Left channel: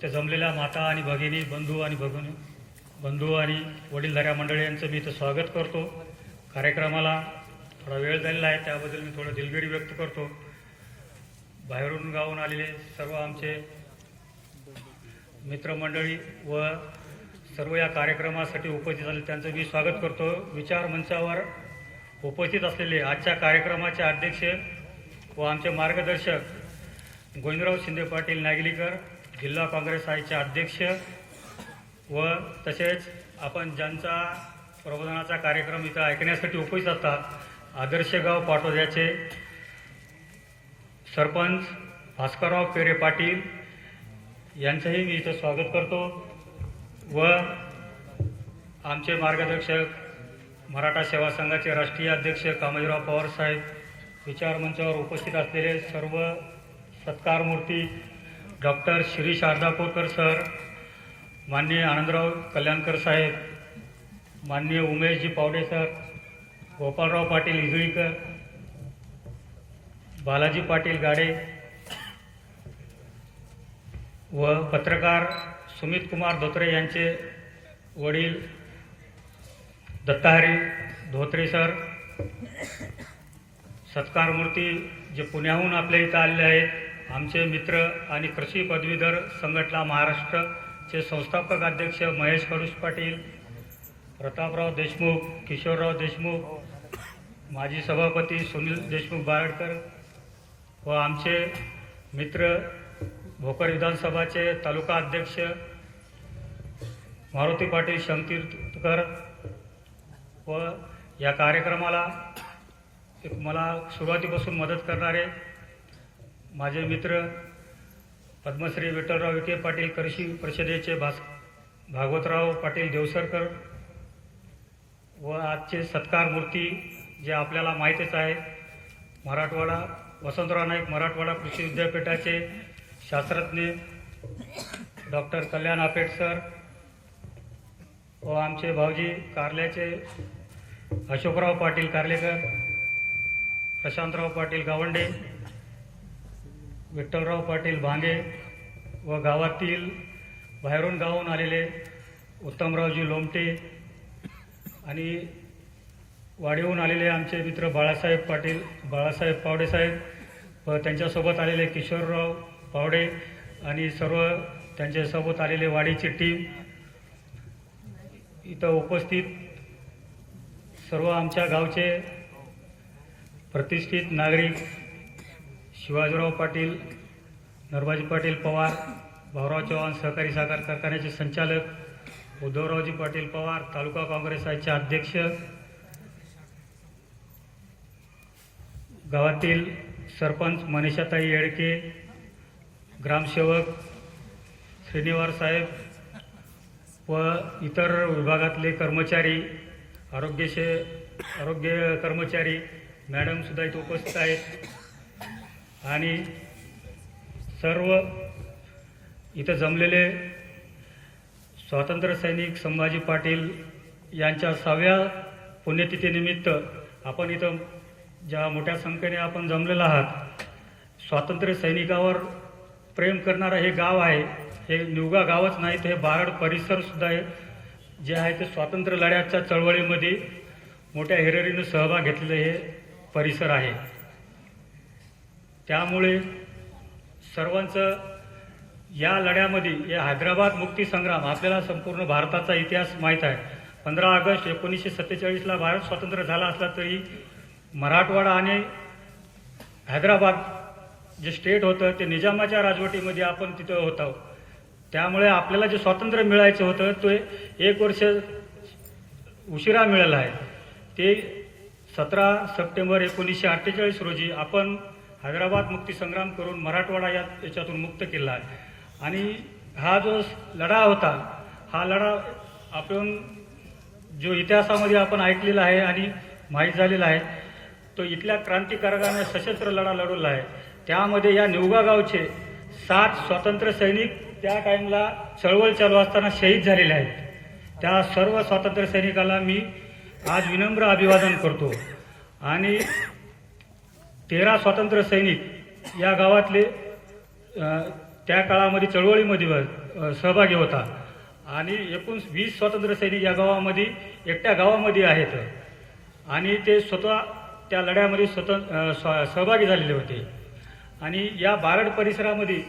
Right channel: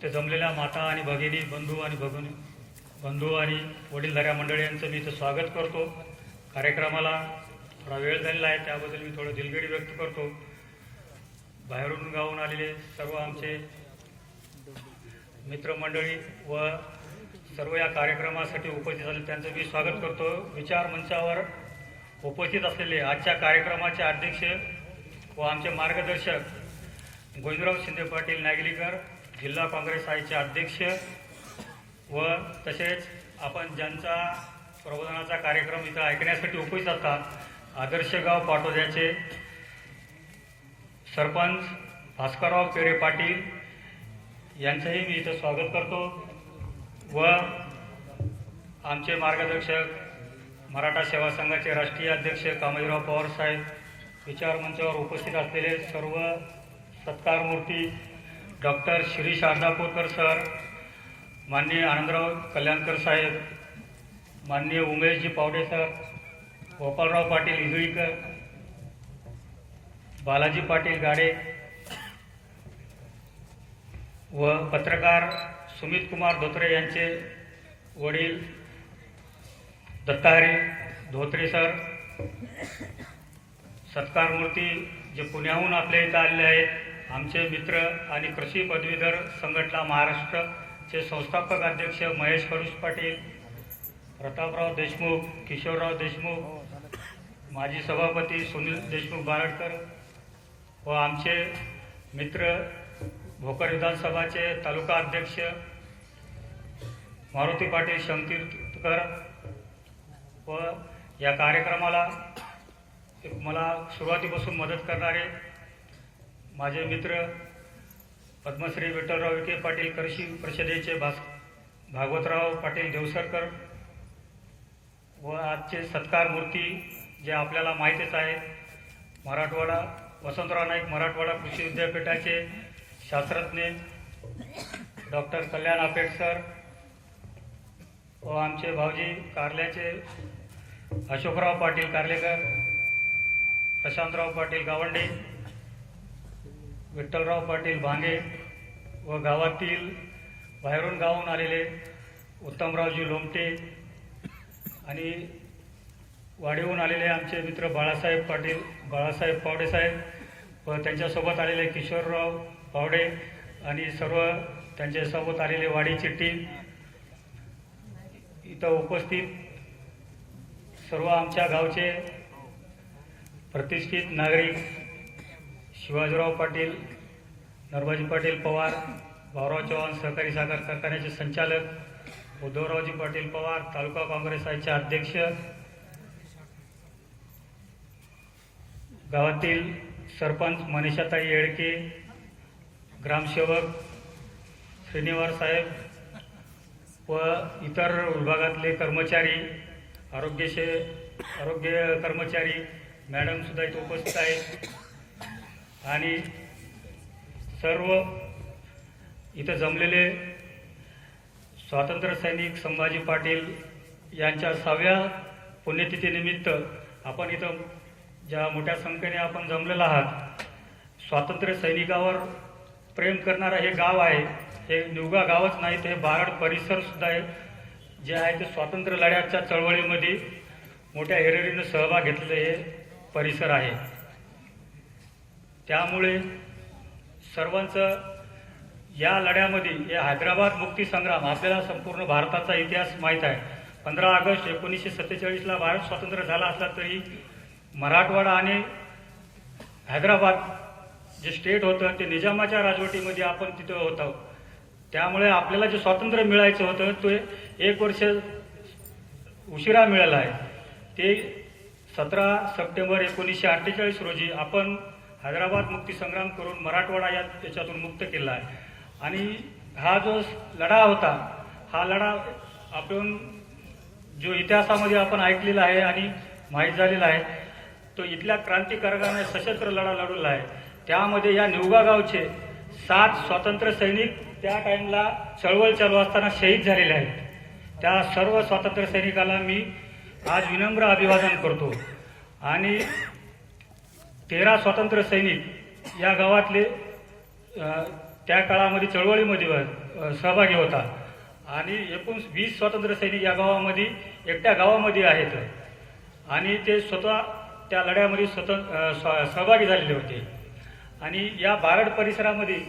इथं जमलेल्या माता आणि भगिनी, बंधू आणि वडीलधाऱ्या मंडळी यांचं मी इथं स्वागत करतो. कार्यक्रमाला थोडा वेळ झालेला आहे, त्याबद्दल मी थोडं दिलगिरी व्यक्त करतो. बाहेरून गावून आलेले सर्व आमचे मित्रमंडळी व सर्व या कार्यक्रमासाठी उपस्थित झाले त्यांचं मी स्वागत करतो. विचार मंचावर उपस्थित असलेले आजच्या कार्यक्रमाचे अध्यक्ष व आमचे मार्गदर्शक गोविंदराव शिंदे पाटील नागलीकर, जिल्हा काँग्रेस आयचे अध्यक्ष व तसेच आपण ज्यांचा प्रबोधनाचा कार्यक्रम इथं ऐकण्यासाठी उपस्थित असतात, आदर्श गाव पाटोद्याचे सरपंच भास्करराव पेरे पाटील यांचंही मी इथं स्वागत करतो व आमचे मार्गदर्शक मराठा सेवा संघाचे राष्ट्रीय अध्यक्ष कामजीराव पवार साहेब, विचार मंचावर उपस्थित असलेले सर्व सत्कारमूर्ती डॉक्टर शिरीष अर्धापूरकर सर, माननीय आनंदराव कल्याणकर साहेब, माननीय उमेशजी पावडे सर, गोपालराव पाटील इजळीकर, बालाजी पाटील गाडे व पत्रकार सुमित कुमार धोत्रे यांचे वडील दत्ताहरी धोत्रे सर, सत्कारमूर्ती जे पुण्याहून आपल्या इथं आलेले आहेत, आमचे मित्र आणि कृषी पदवीधर संघटना महाराष्ट्रचे संस्थापक अध्यक्ष महेश कडूस पाटील, प्रतापराव देशमुख, किशोरराव देशमुख, माजी सभापती सुनील देशमुख बाळडकर व आमचे मित्र भोकर विधानसभाचे तालुका अध्यक्ष मारुती पाटील शमतीर्थकर व या कार्यक्रमाला मला सुरुवातीपासून मदत करणारे माझे मित्र पद्मश्री विठ्ठलराव विखे पाटील कृषी परिषदेचे भागवतराव पाटील देवसरकर व आजचे सत्कारमूर्ती जे आपल्याला माहितीच आहे, मराठवाडा वसंतराव नाईक मराठवाडा कृषी विद्यापीठाचे शास्त्रज्ञ डॉक्टर कल्याण आपेट सर व आमचे भाऊजी कारल्याचे अशोकराव पाटील कारलेकर, प्रशांतराव पाटील गावंडे, विठ्ठलराव पाटील भांगे व गावातील बाहेरून गावून आलेले उत्तमरावजी लोमटे आणि वाडीहून आलेले आमचे मित्र बाळासाहेब पावडे साहेब व त्यांच्यासोबत आलेले किशोरराव पावडे आणि सर्व त्यांच्यासोबत आलेले वाडीची टीम, इथं उपस्थित सर्व आमच्या गावचे प्रतिष्ठित नागरिक शिवाजीराव पाटील, नरबाजी पाटील पवार, भाऊराव चव्हाण सहकारी साखर कारखान्याचे संचालक, उद्धवरावजी पाटील पवार तालुका काँग्रेस आयचे अध्यक्ष, गावातील सरपंच मनीषाताई येळके, ग्रामसेवक श्रीनिवास साहेब व इतर विभागातले कर्मचारी, आरोग्य कर्मचारी मॅडम सुद्धा इथे उपस्थित आहेत आणि सर्व इथं जमलेले स्वातंत्र्य सैनिक संभाजी पाटील यांच्या 6व्या पुण्यतिथीनिमित्त आपण इथं ज्या मोठ्या संख्येने आपण जमलेला आहात, स्वातंत्र्य सैनिकावर प्रेम करणारं हे गाव आहे. हे निवगा गावच नाही, हे बारड परिसर सुद्धा आहे जे आहे ते स्वातंत्र्य लढ्याच्या चळवळीमध्ये मोठ्या हिरिरीने सहभाग घेतलेले हे परिसर आहे. त्यामुळे सर्वांचं या लढ्यामध्ये या हैदराबाद मुक्ती संग्राम, आपल्याला संपूर्ण भारताचा इतिहास माहीत आहे. 15 ऑगस्ट 1947ला भारत स्वतंत्र झाला असला तरी मराठवाडा आणि हैदराबाद जे स्टेट होतं ते निजामाच्या राजवटीमध्ये आपण तिथं होतो. त्यामुळे आपल्याला जे स्वातंत्र्य मिळायचं होतं ते 1 वर्ष उशिरा मिळालं आहे. ते 17 सप्टेंबर 1948 रोजी आपण हैदराबाद मुक्ती संग्राम करून मराठवाडा याच्यातून मुक्त केला आहे. आणि हा जो लढा होता, हा लढा आपण जो इतिहासामध्ये आपण ऐकलेला आहे आणि माहीत झालेला आहे, तो इथल्या क्रांतिकारकाने सशस्त्र लढा लढवला आहे. त्यामध्ये या निवगा गावचे 7 स्वातंत्र्य सैनिक त्या टाइमला चळवळ चालू असताना शहीद झालेले आहेत. त्या सर्व स्वातंत्र्य सैनिकाला मी आज विनम्र अभिवादन करतो. आणि 13 स्वातंत्र्य सैनिक या गावातले त्या काळामध्ये चळवळीमध्ये सहभागी होता आणि एकूण 20 स्वातंत्र्य सैनिक या गावामध्ये एकट्या गावामध्ये आहेत आणि ते स्वतः त्या लढ्यामध्ये सहभागी झालेले होते. आणि या बारड परिसरामध्ये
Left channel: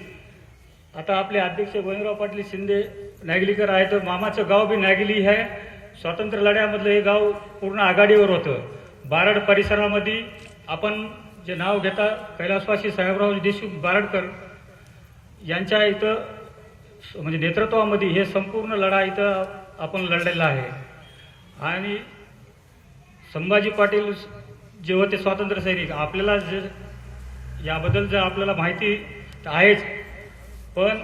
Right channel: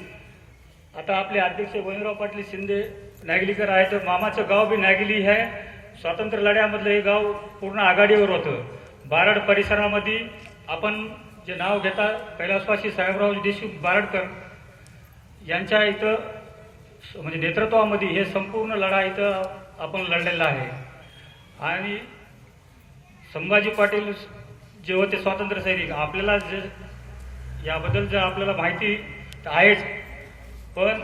आता आपले अध्यक्ष गोविंदराव पाटील शिंदे नागलीकर आहेत. मामाचं गाव बी नागली आहे. स्वातंत्र्य लढ्यामधलं हे गाव पूर्ण आघाडीवर होतं. बारड परिसरामध्ये आपण जे नाव घेता कैलासवासी साहेबराव देशमुख बारडकर यांच्या इथं म्हणजे नेतृत्वामध्ये हे संपूर्ण लढा इथं आपण लढलेला आहे. आणि संभाजी पाटील जे होते स्वातंत्र्य सैनिक आपल्याला जे याबद्दल जर आपल्याला माहिती आहेच, पण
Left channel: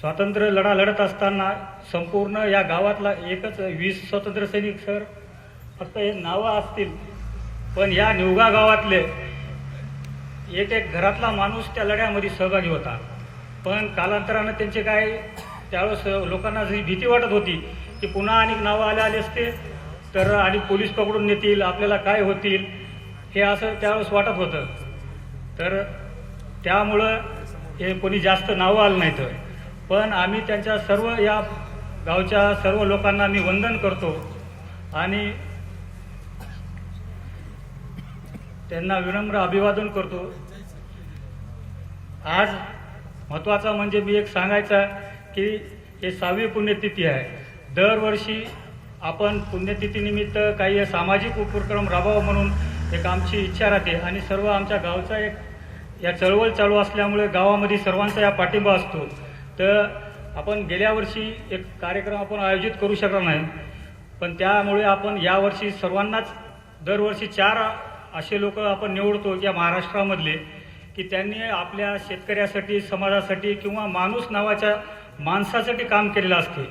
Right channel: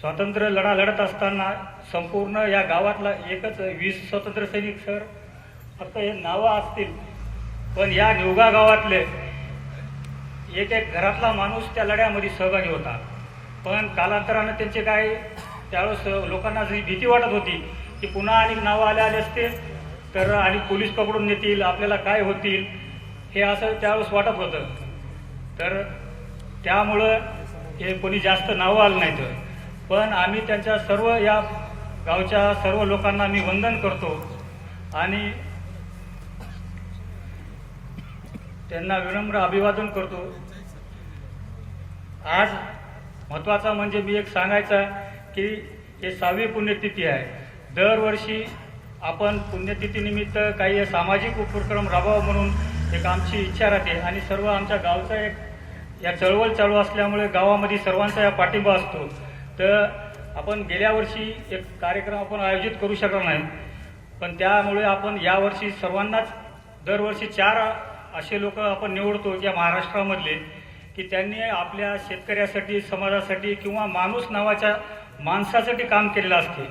स्वातंत्र्य लढा लढत असताना संपूर्ण या गावातला एकच 20 स्वातंत्र्य सैनिक सर फक्त हे नावं असतील, पण या निवगा गावातले एक एक घरातला माणूस त्या लढ्यामध्ये सहभागी होता. पण कालांतरानं त्यांचे काय त्यावेळेस लोकांना जी भीती वाटत होती की पुन्हा आणि नावं आले असते तर आणि पोलीस पकडून नेतील, आपल्याला काय होतील, हे असं त्यावेळेस वाटत होतं. तर त्यामुळं हे कोणी जास्त नावं आलं नाहीत. पण आम्ही त्यांच्या सर्व या गावच्या सर्व लोकांना मी वंदन करतो आणि त्यांना विनम्र अभिवादन करतो. आज महत्वाचा म्हणजे मी एक सांगायचा की हे 6वी पुण्यतिथी आहे. दरवर्षी आपण पुण्यतिथीनिमित्त काही सामाजिक उपक्रम राबवावा म्हणून एक आमची इच्छा राहते आणि सर्व आमच्या गावचा एक या चळवळ चालू असल्यामुळे गावामध्ये सर्वांचा या पाठिंबा असतो. तर आपण गेल्या वर्षी एक कार्यक्रम आपण आयोजित करू शकलो नाही, पण त्यामुळे आपण यावर्षी सर्वांनाच दरवर्षी 4 असे लोक आपण निवडतो या महाराष्ट्रामधले की त्यांनी आपल्या शेतकऱ्यासाठी, समाजासाठी किंवा माणूस नावाच्या माणसासाठी काम केलेलं असते.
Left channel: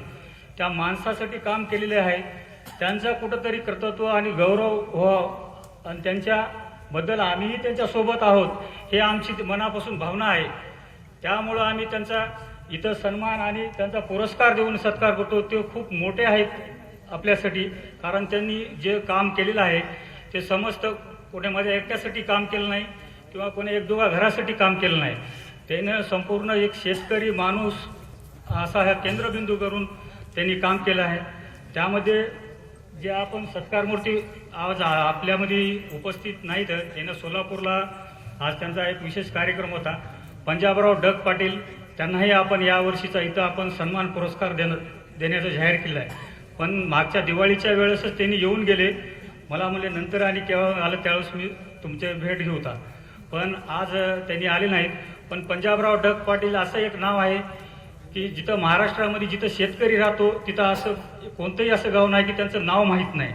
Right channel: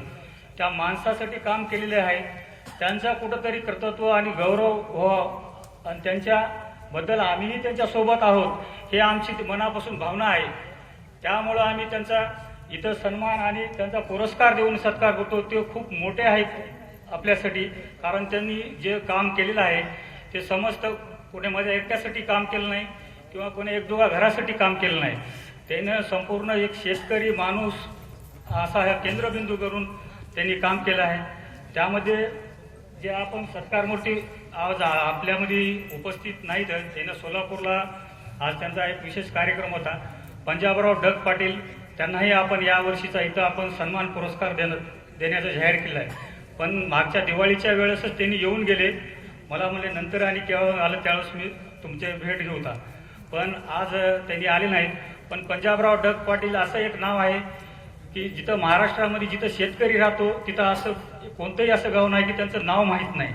त्या माणसासाठी काम केलेले आहे, त्यांचा कुठंतरी कर्तृत्व आणि गौरव व्हावं आणि त्यांच्याबद्दल आम्हीही त्यांच्यासोबत आहोत हे आमची मनापासून भावना आहे. त्यामुळं आम्ही त्यांचा इथं सन्मान आणि त्यांचा पुरस्कार देऊन सत्कार करतो. ते खूप मोठे आहेत आपल्यासाठी, कारण त्यांनी जे काम केलेलं आहे ते समस्त कोणी माझ्या एकट्यासाठी काम केलं नाही किंवा कोणी 1-2 घरासाठी काम केलं नाही. त्यानं संपूर्ण एक शेतकरी माणूस असा हा केंद्रबिंदू करून त्यांनी काम केलं आहे. त्यामध्ये जे आपण सत्कारमूर्ती आज आपल्यामध्ये उपस्थित नाही, तर त्यानं सोलापूरला आज त्यांचा एक विशेष कार्यक्रम होता. पंजाबराव डग पाटील त्यांनाही आपण यावर्षीचा इथं आपण सन्मान पुरस्कार देण्याचं जाहीर केलं आहे. पण मागच्या दिवाळीच्या वेळेसच त्यांनी येऊन गेले. मला म्हणले नंतर आणि केव्हा आलं त्यावेळेस मी तुमचे भेट घेऊ होता, पण आज त्यांनी आले नाहीत. पण पंजाबराव डग पाटील असं एक नाव आहे की जिथं महाराष्ट्रामध्ये जिथं शेतकरी राहतो तिथं असं कोणतंही असं गाव नाही की त्यांचं नाव माहीत नाही.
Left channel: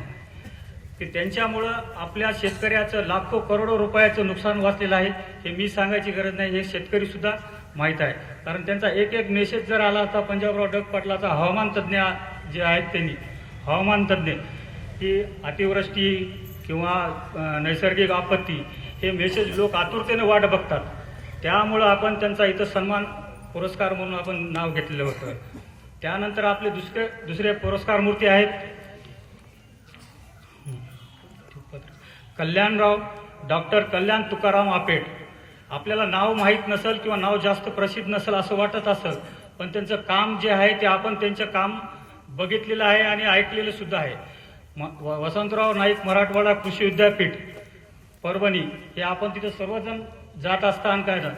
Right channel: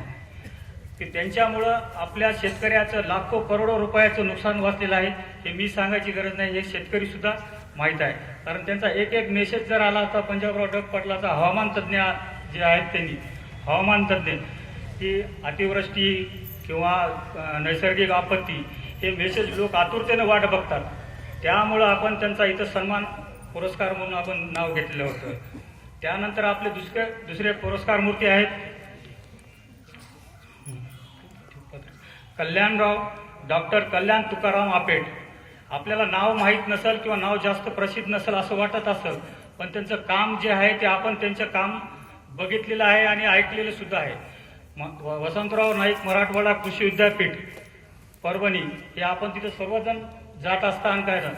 की त्यांच्यामुळं आपल्या शेतकऱ्याचं लाखो करोडो रुपयाचं नुकसान वाचलेलं आहे. हे मी सांगायची गरज नाही, हे शेतकरी सुद्धा माहीत आहे. कारण त्यांचा एक मेसेज जर आला होता पंजाबराव डग पाटलाचा, हवामान तज्ज्ञ जे आहेत त्यांनी हवामान तज्ज्ञ की अतिवृष्टी किंवा नैसर्गिक आपत्ती हे मेसेज लोक आतुरतेने वाट बघतात. त्यामुळं आपण त्यांचा इथं सन्मान पुरस्कार म्हणून आपण नाव घेतलेलं होतं. त्यानंतर आपले दुसरे पुरस्कार मूर्ती आहेत डॉक्टर कल्याण तुकाराम आपेट. आपल्याला नाव माहीत नसेल किंवा नाव जास्त प्रसिद्ध नसेल असं वाटत असेल, पण त्यांचं काम जे आहे ते आपण त्यांचं काम बघितलेलं आहे आणि ऐकलेलं सुद्धा आहे. वसंतराव नाईक मराठवाडा कृषी विद्यापीठ परभणी हे आपण तिथे सर्वजण जात असताना काय ना,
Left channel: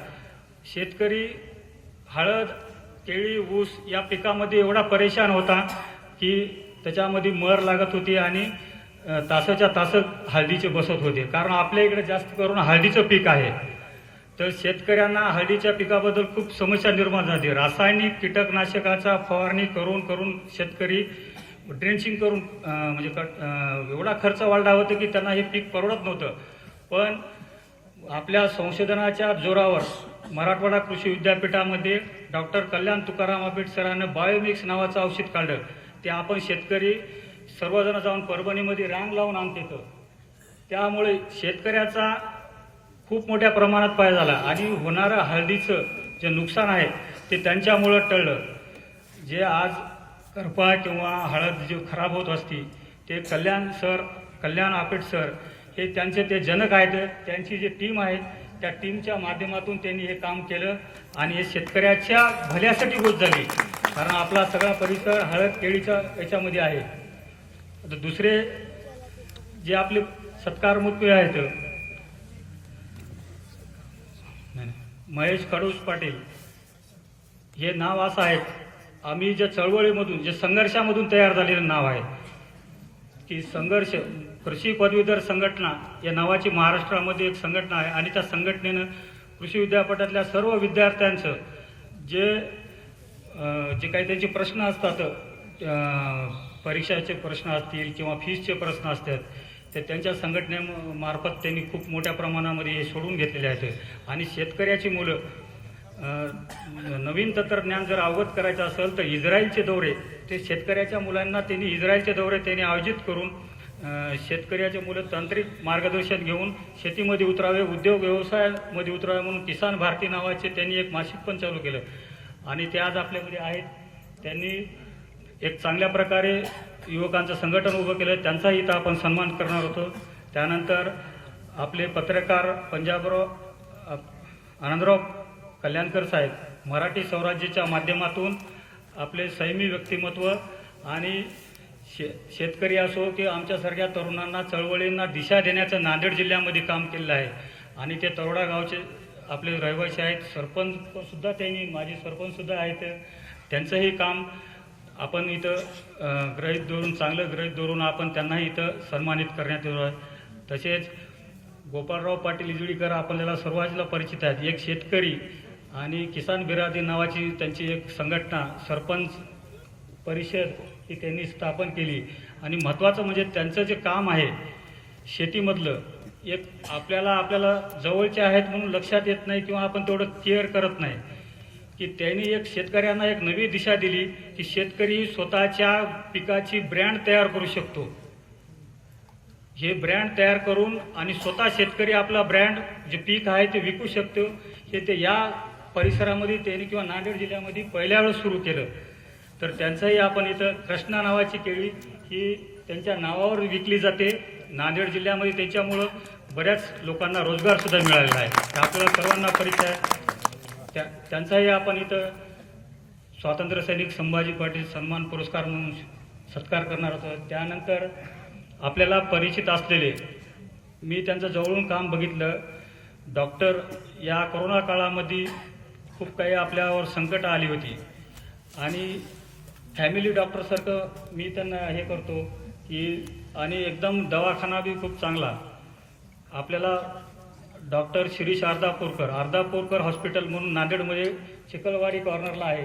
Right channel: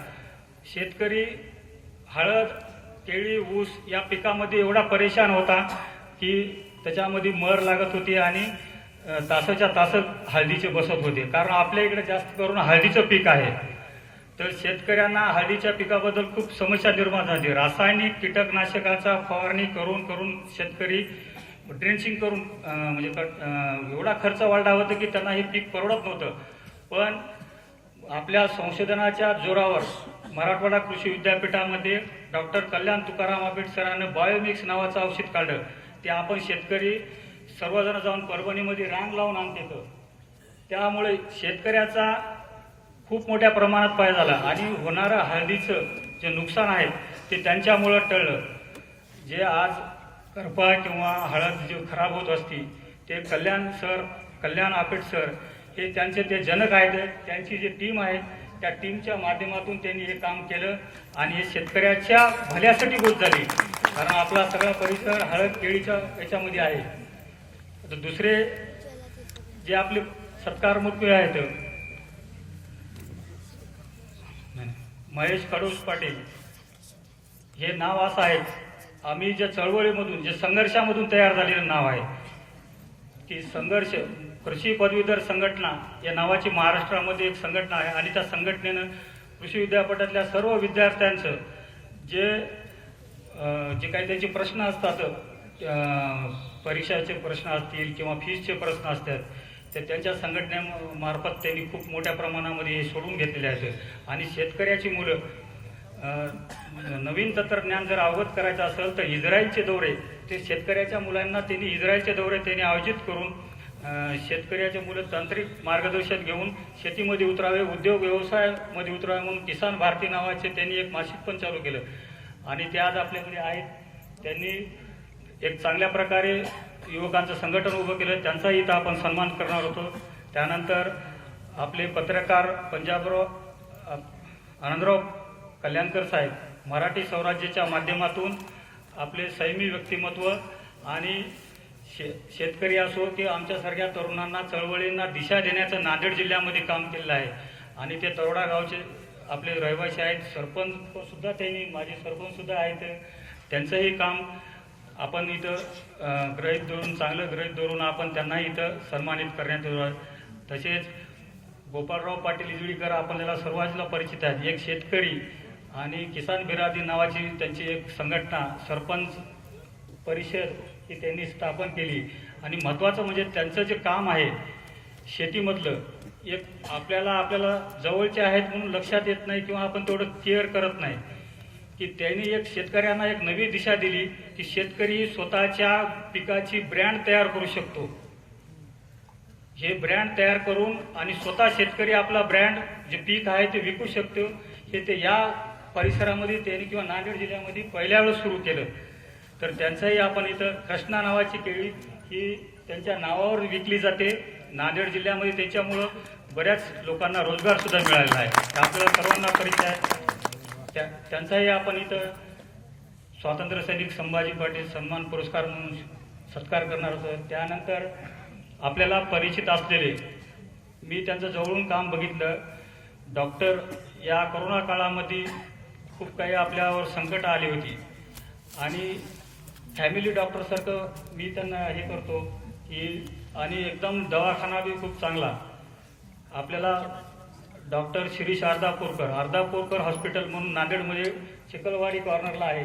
शेतकरी हळद, केळी, ऊस या पिकामध्ये एवढा परेशान होता की त्याच्यामध्ये मर लागत होती आणि तासाच्या तास हळदीचे बसत होते. कारण आपल्या इकडे जास्त करून हळदीचं पीक आहे. तर शेतकऱ्यांना हळदीच्या पिकाबद्दल खूप समस्या निर्माण झाली. रासायनिक कीटकनाशकांचा फवारणी करून करून शेतकरी ड्रेंचिंग करून म्हणजे एवढा खर्च वाढला होता की त्यांना हे पीक परवडत नव्हतं. पण आपल्या संशोधनाच्या जोरावर मराठवाडा कृषी विद्यापीठामध्ये डॉक्टर कल्याण तुकाराम आपेट सरांनं बायोमिक्स नावाचं औषध काढलं. ते आपण शेतकरी सर्वजण जाऊन परभणीमध्ये रांग लावून आणतो. त्यामुळे शेतकऱ्याचा खूप मोठ्या प्रमाणात फायदा झाला आणि होणारं हळदीचं जे नुकसान आहे ते त्यांच्यामुळं टळलं. जे आज करपा किंवा हळद जे खराब होत असती ते कल्याण आपेट सर हे त्यांचे ते जनक आहेत. त्यांची जी टीम आहे त्या टीमच्या माध्यमातून त्यांनी हे काम केलं आणि हे शेतकऱ्याच्या भल्यासाठी होत झाली, कारण आपला सगळा परिसर हळद केळीच्या याच्यामध्ये आहे. आता दुसरे जे आपले सत्कारमुखी आहेत, महेश कडोस पाटील, हे नाव असं आहे, आम्ही ज्या चळवळीमधून जे संघर्षामधून तयार झालेलं नाव आहे की संघर्ष कृषी पदवीधर संघटना या नावाची महाराष्ट्रामध्ये एक संघटना आहे आणि त्या संघटनेनं कृषी विद्यापीठातल्या सर्व विद्यार्थ्यांचं जे काही त्यांचे प्रश्न असतात, परीक्षाचे प्रश्न असतील किंवा फीसचे प्रश्न असतात, ते त्यांच्या संघटनेमार्फत त्यांनी खूप मोठ्या प्रमाणामध्ये सोडून घेतलेले आहेत. आणि शेतकऱ्याची मुलं नवीन तंत्रज्ञान जर अवगत करायचं असेल तर इस्रायलचे दौरे, ते शेतकऱ्याच्या मुलांना त्यांनी इस्रायलचे दौरे त्यांनी आयोजित करून शेतकऱ्याचे मुलं तांत्रिक मार्गदर्शन घेऊन शेतीमध्ये उतरावे, उद्योग व्यवसायामध्ये उतरावे म्हणून किसान भारती नावाचे त्यांनी एक मासिक पण चालू केलं आणि ते आज आपल्याकडे आहेत. त्यांनी एक चांगल्या प्रकारे युवकांचं संघटन उभं केलं, त्यांचाही इथं आपण सन्मान करणार होतो. त्यानंतर आपले पत्रकार पंजाबराव आनंदराव कल्याणकर साहेब, मराठी स्वराज्याच्या माध्यमातून आपले संयमी व्यक्तिमत्व आणि शेतकरी असो की आमच्यासारख्या तरुणांना चळवळींना दिशा देण्याचं नांदेड जिल्ह्यामध्ये काम केलेलं आहे. आणि ते तरोडा गावचे आपले रहिवासी आहेत, सरपंच सुद्धा त्यांनी, माजी सरपंच सुद्धा आहेत, त्यांचंही काम आपण इथं गृहीत धरून, चांगलं गृहीत धरून आपण त्यांनाही इथं सन्मानित करण्यात येणार. तसेच गोपाळराव पाटील इजळीकर आपल्याला सर्वांना परिचित आहेत, एक शेतकरी आणि किसान बिरादरी नावाची त्यांची एक संघटना, सरपंच परिषद ही त्यांनी स्थापन केली. आणि महत्त्वाचं म्हणजे त्यांचं जे काम आहे शेतीमधलं, एक आपल्याला जवळचे आहेत म्हणून लक्षात येत नाही किंवा आपण तेवढं केअर करत नाही की त्यांनी एक शेतकऱ्यांना एक नवी दिशा दिली की शेतकरी स्वतःच्या पिकाची ब्रँड तयार करू शकतो. हे ब्रँड तयार करून आणि स्वतः शेतकरी आपला ब्रँड जे पीक आहे ते विकू शकतो. हे ते या परिसरामध्ये त्यांनी किंवा नांदेड जिल्ह्यामध्ये पहिल्या वेळेस सुरू केलं. तर त्यांचंही आपण इथं कृष्णा नावाची केळी ही त्यांच्या नावावर विकली जाते नांदेड जिल्ह्यामध्ये, त्याच्यामुळं बऱ्याच लोकांना रोजगार सुद्धा मिळालेला आहे, आपल्याला सर्वांना परिचय आहे. त्यांचाही आपण इथं स्वातंत्र्य सैनिक संभाजी पाटील सन्मान पुरस्कार म्हणून सत्कार करणार आहोत. त्यानंतर आपल्याला परिचित असलेले, मी त्यांचं जवळून काम बघितलं, डॉक्टर, या कोरोना काळामध्ये खूप काही आपल्यावर संकट आली होती आणि फॅमिली डॉक्टरसारखं मी त्यांना हे करतो की, आणि एकदम दवाखाना बी खूप चांगला आपल्याला डॉक्टर श्री अर्धापूरकर हॉस्पिटल म्हणून नांदेडमध्ये चिखलवाडी कॉर्नरला आहे.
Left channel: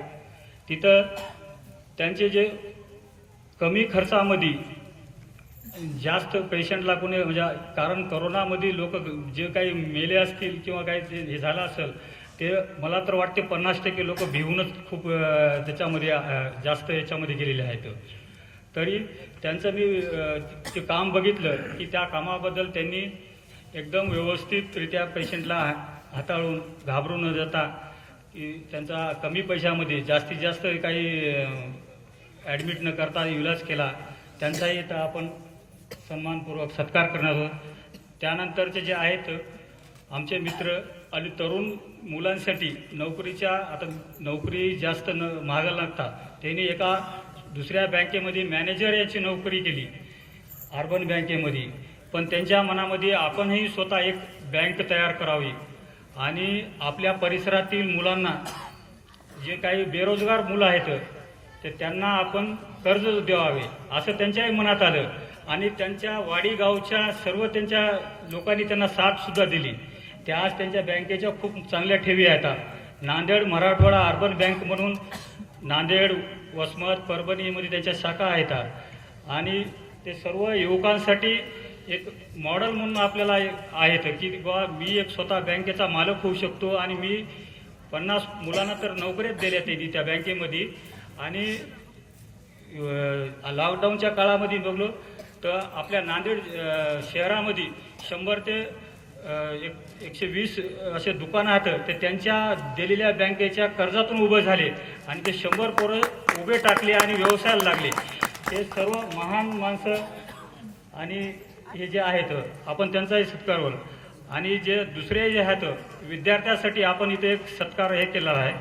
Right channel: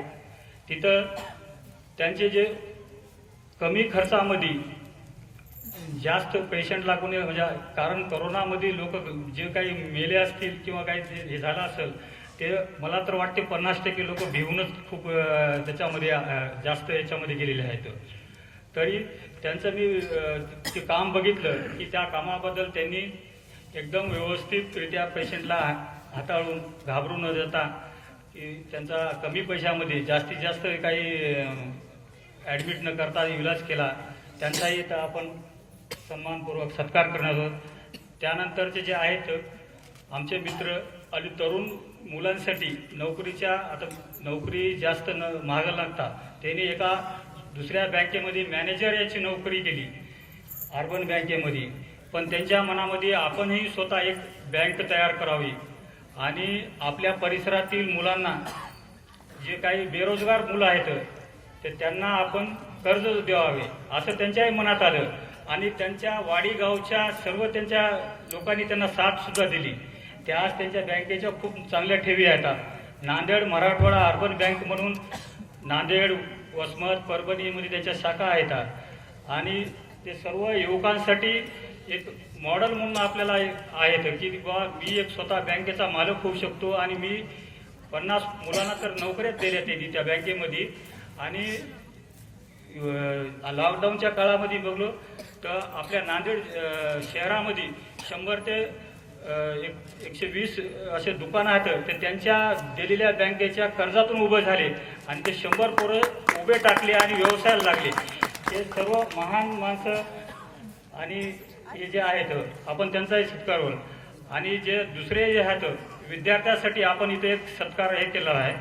तिथं त्यांचे जे कमी खर्चामध्ये जास्त पेशंट लागून, म्हणजे कारण करोनामध्ये लोक जे काही मेले असतील किंवा काही हे झालं असेल ते मला तर वाटते 50% लोक भिवूनच खूप त्याच्यामध्ये जास्त याच्यामध्ये गेलेले आहेत. तरी त्यांचं मी ते काम बघितलं की त्या कामाबद्दल त्यांनी एकदम व्यवस्थितरित्या पेशंटला हाताळून घाबरून न जाता की त्यांचा कमी पैशामध्ये जास्तीत जास्त काही ॲडमिट न करता इलाज केला. त्यांचाही इथं आपण सन्मानपूर्वक सत्कार करणार आहोत. त्यानंतरचे जे आहेत आमचे मित्र आणि तरुण मुलांसाठी नोकरीच्या, आता नोकरी जास्त महाग लागतात, त्यांनी एका दुसऱ्या बँकेमध्ये मॅनेजर याची नोकरी केली अर्बन बँकेमध्ये. पण त्यांच्या मनामध्ये आपणही स्वतः एक बँक तयार करावी आणि आपल्या परिसरातील मुलांना, जे काही बेरोजगार मुलं आहेत ते त्यांना आपण कर्ज द्यावे असं त्यांच्याही मनात आलं. आणि त्यांच्या वाडी गावच्या सर्व त्यांच्या लोकांनी त्यांना साथ सुद्धा दिली. त्या आज त्यांच्या बँकेच्या खूप चांगल्या ठेवी आहेत. नांदेड मराठवाडा अर्बन बँक म्हणून नांदेड, वसमत, परभणीमध्ये त्यांच्या शाखा आहेत आणि ते सर्व युवकांसाठी एक मॉडेल म्हणून आपल्याला आहेत की बाबा मी एक स्वतः बँकेचा मालक होऊ शकतो आणि मी 50 मुलांना तर नोकऱ्याच देण्यात येते त्या बँकेमध्ये. आणि लॉकडाऊनच्या काळामध्ये बघलो तर आपल्या नांदेड शहरामध्ये 100 ते 120 असे दुकानं आहेत ते त्यांच्या दिलेल्या बँकेच्या कर्जातून उभे झाले आणि ते 100 पोरं उभे टाकले आणि व्यवसायाला लागले. हे सर्व महान माणसं आणि हे जे आहेत आपण त्यांचाही सत्कार करू. आणि जे दुसरे जे आहेत विद्यार्थ्यांसाठी आपण इथे एक सत्कार हे केलेला आहे.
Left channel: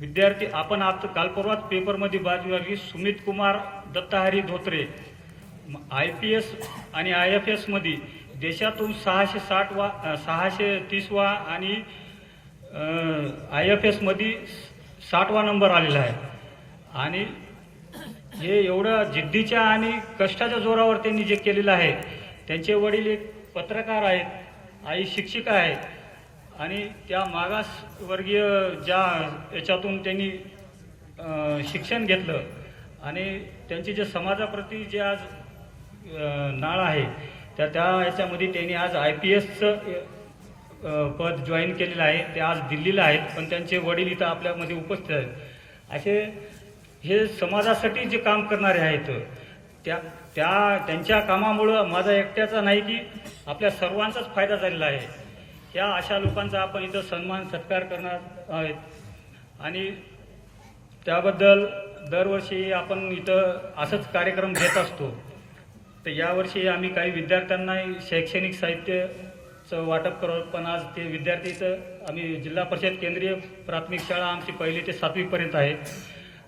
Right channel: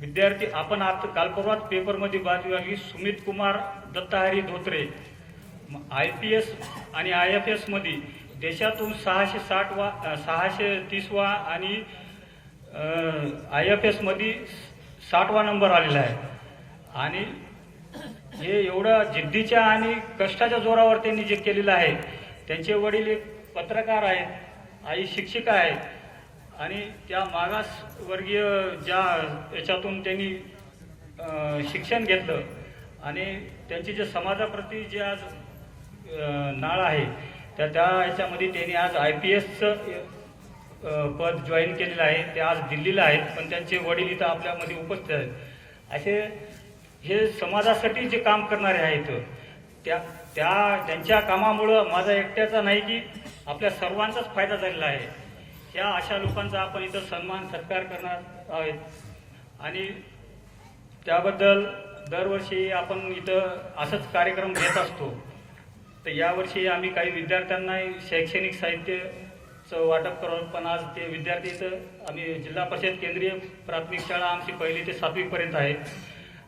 विद्यार्थी आपण आता काल परवाच पेपरमध्ये बातमी बघितली, सुमित कुमार दत्ताहरी धोत्रे IPS आणि IFS मध्ये देशातून 630वा आणि IFS मध्ये 60वा नंबर आलेला आहे. आणि हे एवढं जिद्दीच्या आणि कष्टाच्या जोरावर त्यांनी जे केलेलं आहे. त्यांचे वडील एक पत्रकार आहेत, आई शिक्षिका आहे आणि त्या मागासवर्गीय ज्या याच्यातून त्यांनी शिक्षण घेतलं आणि त्यांची जे समाजाप्रती जे आज नाळ आहे त्या याच्यामध्ये त्यांनी आज IPSचं पद जॉईन केलेलं आहे. ते आज दिल्लीला आहेत, पण त्यांचे वडील इथं आपल्यामध्ये उपस्थित आहेत. असे हे समाजासाठी जे काम करणारे आहेत त्यांच्या कामामुळं माझा एकट्याचा नाही की आपल्या सर्वांचाच फायदा झालेला आहे. या अशा लोकांचा आपण इथं सन्मान सत्कार करणार आहेत आणि त्याबद्दल दरवर्षी आपण इथं असंच कार्यक्रम घेत असतो. तर यावर्षी आम्ही काही विद्यार्थ्यांना शैक्षणिक साहित्याचं वाटप करतो. पण आज ते विद्यार्थी इथं आम्ही जिल्हा परिषद केंद्रीय प्राथमिक शाळा आमची 1ली ते 7वी पर्यंत आहे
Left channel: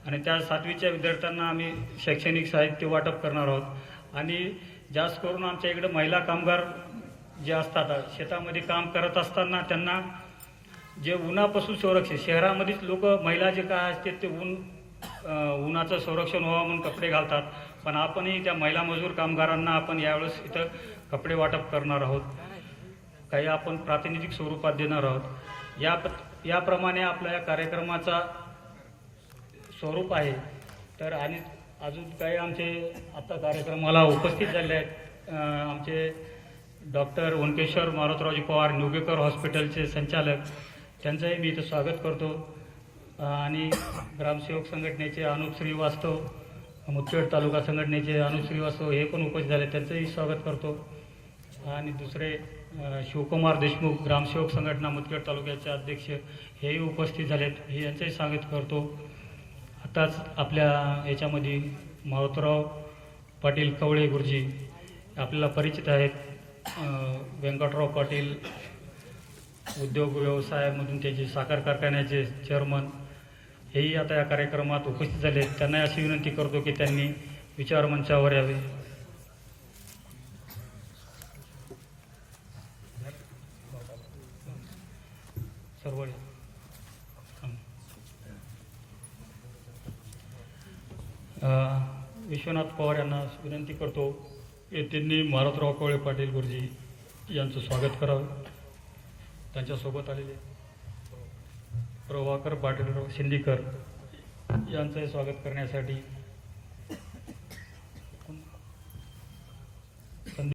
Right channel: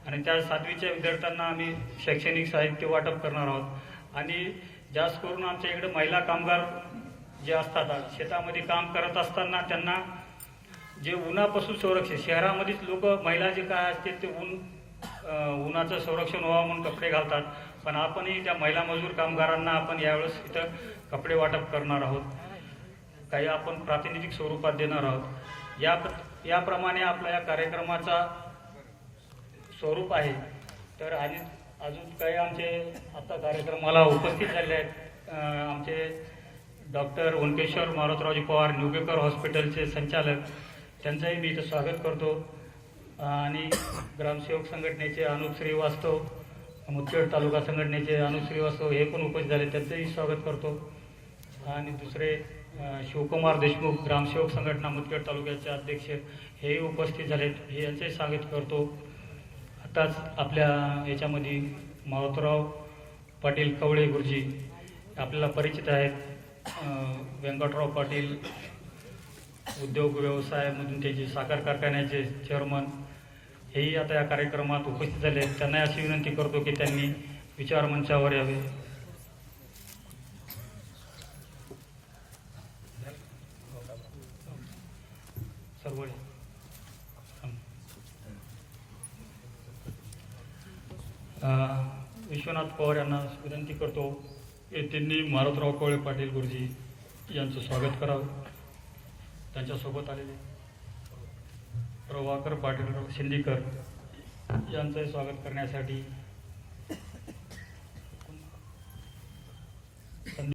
आणि त्या 7वीच्या विद्यार्थ्यांना आम्ही शैक्षणिक साहित्य वाटप करणार आहोत. आणि जास्त करून आमच्या इकडे महिला कामगार जे असतात शेतामध्ये काम करत असताना त्यांना जे उन्हापासून संरक्षण, शहरामध्येच लोक महिला जे काय असते ते उन्हाचं संरक्षण व्हावं म्हणून कपडे घालतात. पण आपणही त्या महिला मजूर कामगारांना आपण यावेळेस इथं कपडे वाटप करणार आहोत. काही आपण प्रातिनिधिक स्वरूपात देणार आहोत. याप्रमाणे आपल्या या कार्यक्रमाचा स्वरूप आहे. तर आणि अजून काही आमचे आता कार्यक्रमाला उपस्थित झाले आहेत आमचे डॉक्टर ओंकेश्वर मारुतरावजी पवार निवगेकर हॉस्पिटलचे संचालक, त्यांचंही मी इथं स्वागत करतो. आणि ग्रामसेवक संघटनेचे अनुप श्रीवास्तव, मुदखेड तालुका संघटनेचे अनुप श्रीवास्तव हे पण उपस्थित झाले, त्यांचंही स्वागत करतो. आणि दुसरे शिवकुमार देशमुख ग्रामसेवक संघटना मुदखेड तालुक्याचे अध्यक्ष हेही उपस्थित झालेत, हे यांचंही स्वागत करतो. आताच आपल्या याच्यामध्ये मारुतराव पाटील कवळे गुरुजी आपल्याला परिचित आहेत. व्यंकटराव पाटील उद्योग व्यवसायामधून त्याचे साखर कारखान्याचे चेअरमन हेही आता या कार्यक्रमात उपस्थित झाले आहेत. त्यांना अशी विनंती करतो की त्यांनी विचारमंचावर यावे. सर्व विश्वनाथ पवार यांना विनंती करतो की त्यांनी मारुतराव कवळे पाटील गुरुजी यांचं स्वागत करावं. त्यांच्यासोबत आलेले प्रभाकर पाटील शिंदीकर यांचंही स्वागत करण्यासाठी